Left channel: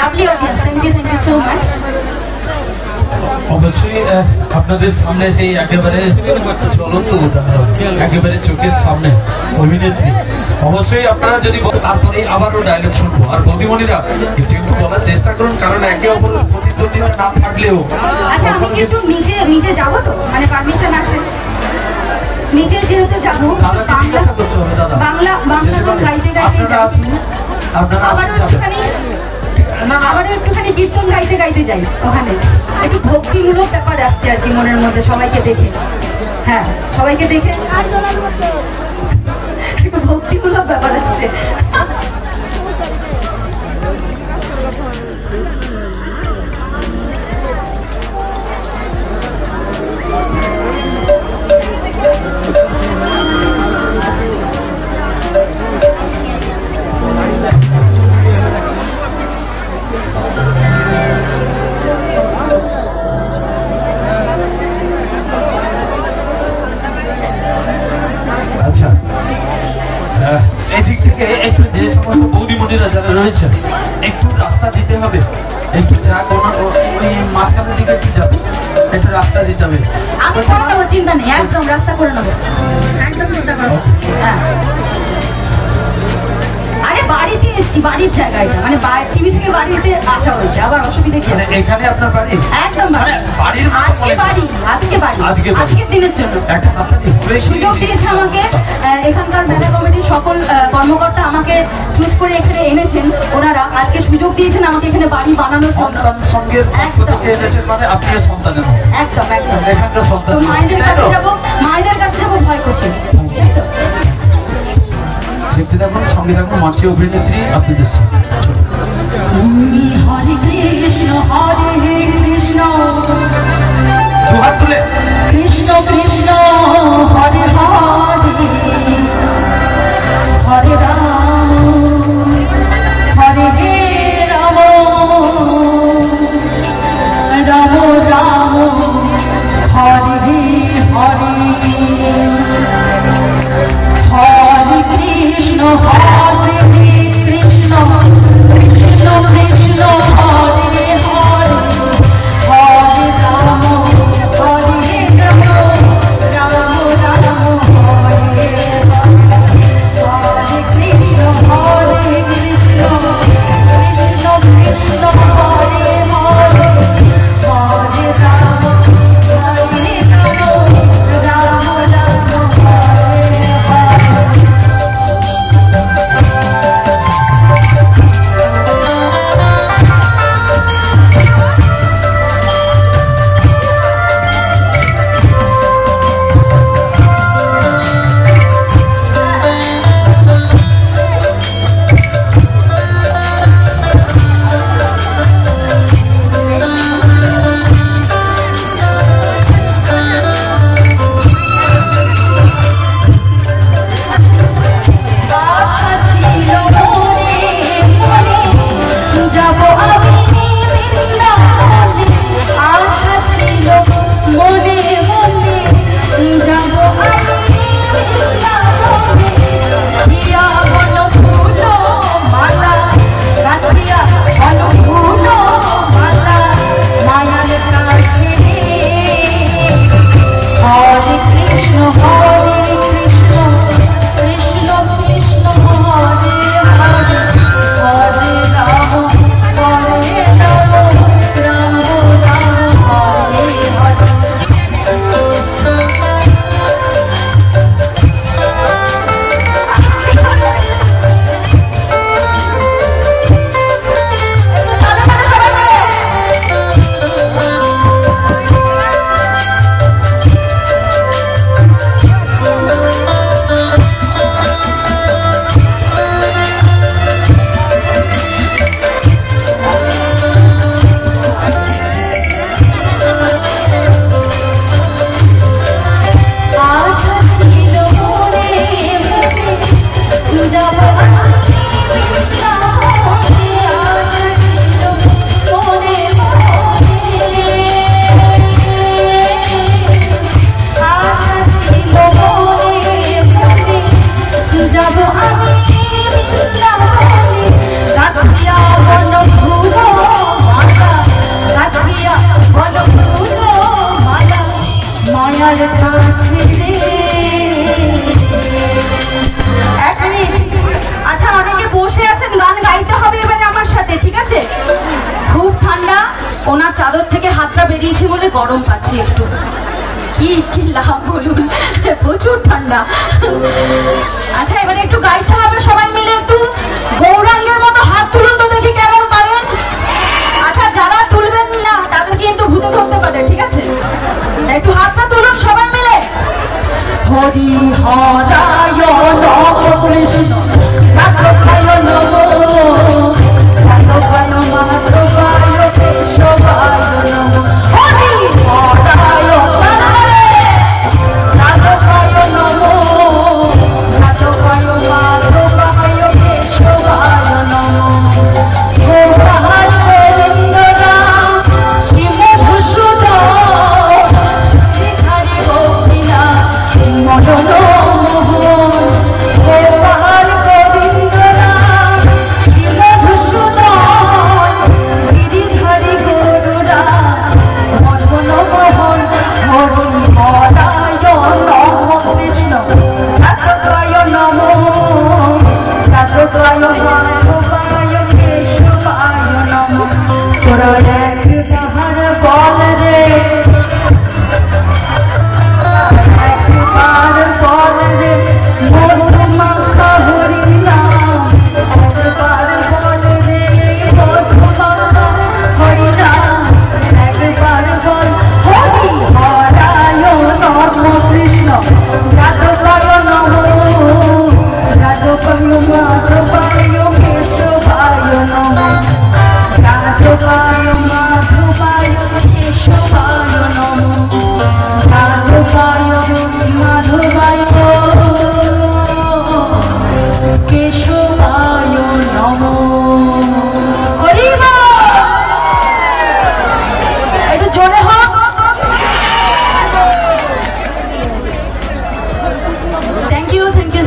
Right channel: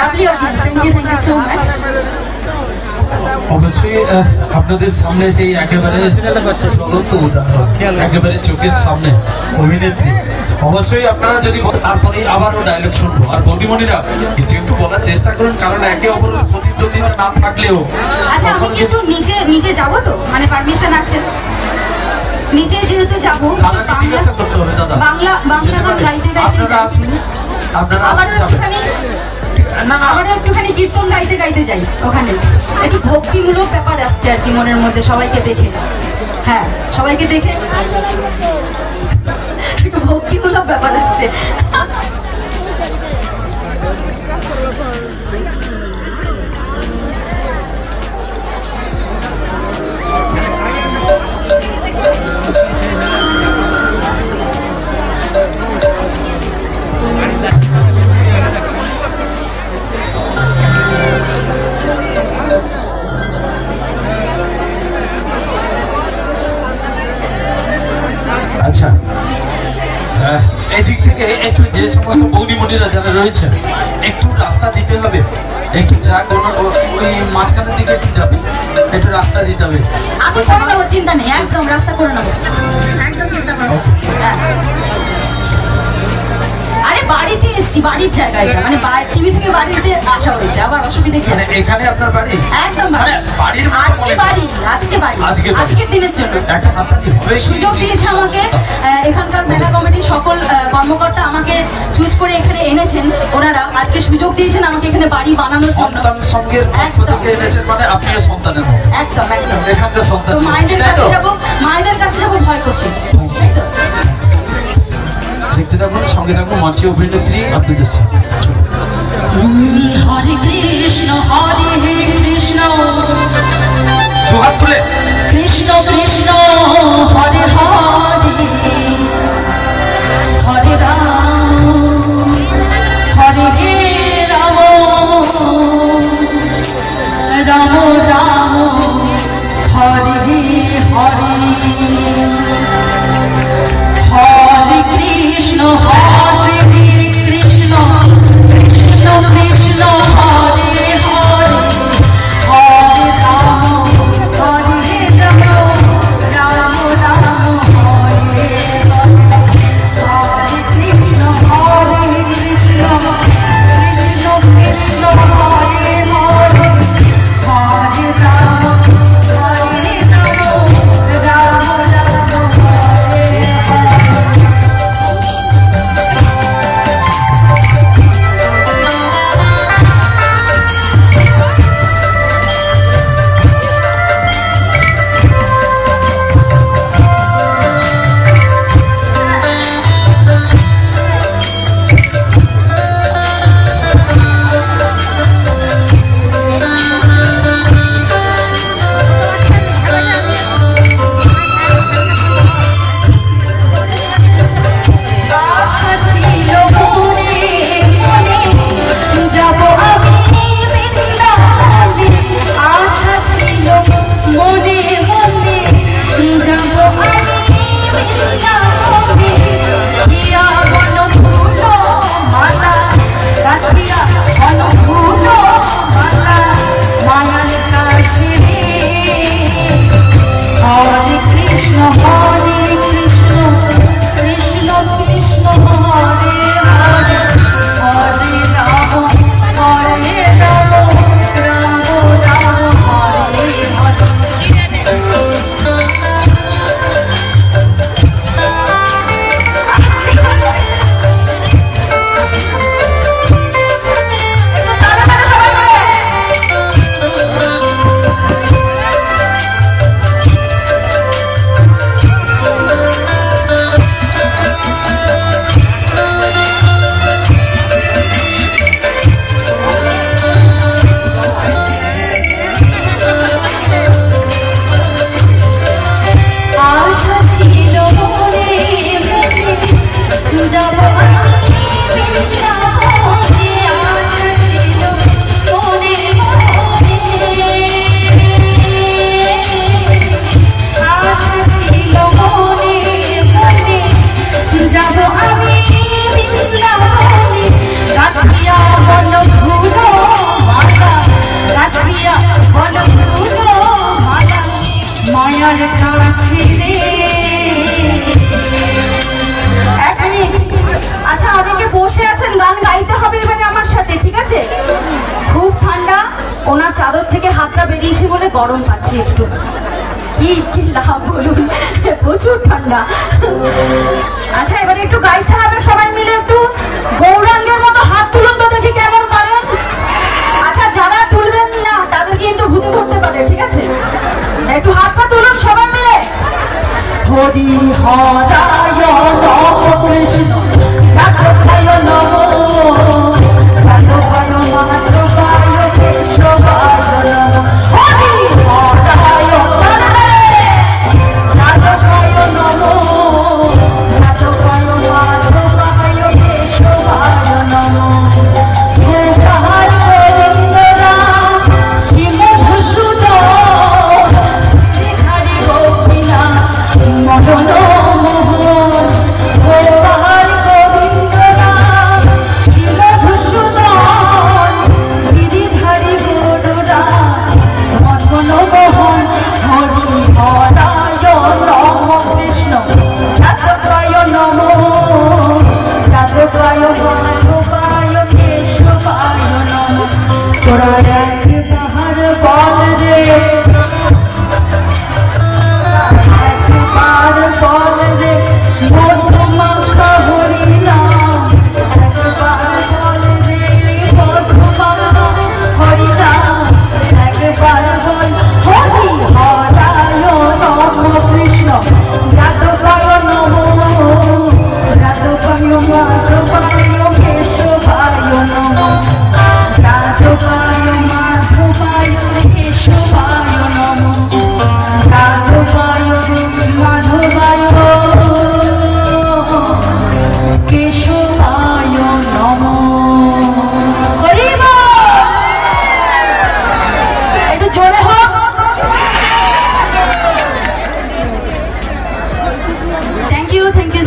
Lovely audience, thank you so much. অবশ্যই আপনাদের সামনে সেই একেবারে চলন্ত উদাহরণ, একেবারে চোখের সামনে অভিনেত্রী। অবশ্যই আপনারা যদি তারপরে আবারও ডায়লগ শুনবো। আর বৌদিমণিরা কিছু একটু বলার চেষ্টা করুন, কারণ একে অপরের প্রতিদ্বন্দ্বিতা না থাকলেও। আচ্ছা, আমি কি একটু নিচে যাবো তো, মানে পারমিশন আছে? নিচে যেহেতু যাবো, বাংলা গান গাইতে গাইতে যাচ্ছি, আবারও একটুখানি কীর্তন গাইতে গাইতে যাই। ওখানে একটু ভক্তিমূলক ব্যাপার আসছে আর কি মনের মধ্যে, সবাইকে দেখে। হ্যাঁ, সবাইকে দেখে একটু ভক্তিমূলক ব্যাপার আসছে। আচ্ছা, এদিক থেকে একটু যে সমস্ত বৌদিমণিরা যারা রয়েছে একটু রাস্তা দিতে হবে, একটু যা কোনো ওই মাঝখানের দিকে একটু যাবে, একটু রাস্তা দিতে হবে। আমি করে নেবো, চিন্তা নেই, একদম রাস্তা করে নেবো, একদম চিন্তা করো। আরে বাড়িতে এসছি, বাড়ির জায়গায়, মানে টিভি থেকে বাড়িতে আসা হয়েছে, আবার অসুবিধা কি আছে? এখানে আপনার বাড়ি? একদম বাড়ির আজকের দিনের জন্য একটা সুযোগ দিয়েছে আমাকে এখানকার মেলা কমিটির সকল কর্মকর্তা, আমাকে চুজ করে এখানে এনেছেন ওনারা। আজকে সুযোগ দিয়েছেন আমাকে এখানে বাড়ি বানানোর জন্য। সঙ্গের মানে আপনার সন্তানের একদম একদম এখানকার সন্তান। মায়েদের কাছে যাবো ভয় করছে। দেখতে থাকুন, সঙ্গে থাকুন মাছি অভিনেত্রী আপনাদের হরে কৃষ্ণ হরে কৃষ্ণ, দুহাত তুলে কৃষ্ণ কৃষ্ণ হরে হরে, হরে রাম হরে রাম, রাম রাম হরে হরে, হরে কৃষ্ণ হরে কৃষ্ণ, কৃষ্ণ কৃষ্ণ হরে যাচ্ছি একটু। কি কি লাভ বলুন, প্রচুর ঠান্ডা। আচ্ছা এবারে একটু গাইতে হবে সবাই মিলে, একটু গৌরাঙ্গের মতো হাত তুলুন তো দেখি কেমন পারেন। আচ্ছা যারা তুলবেন না তাদের কিন্তু ভূতে ধরতে পারে, ঠিক আছে? একটু হাতটা তুলুন সবাই মিলে। Hari Hari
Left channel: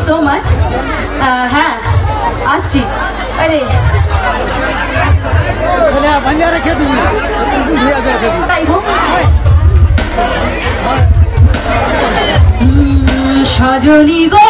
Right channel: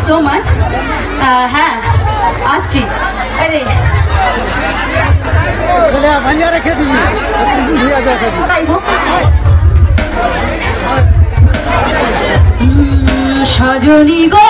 so much. হ্যাঁ আসছি। আরে সজনী গো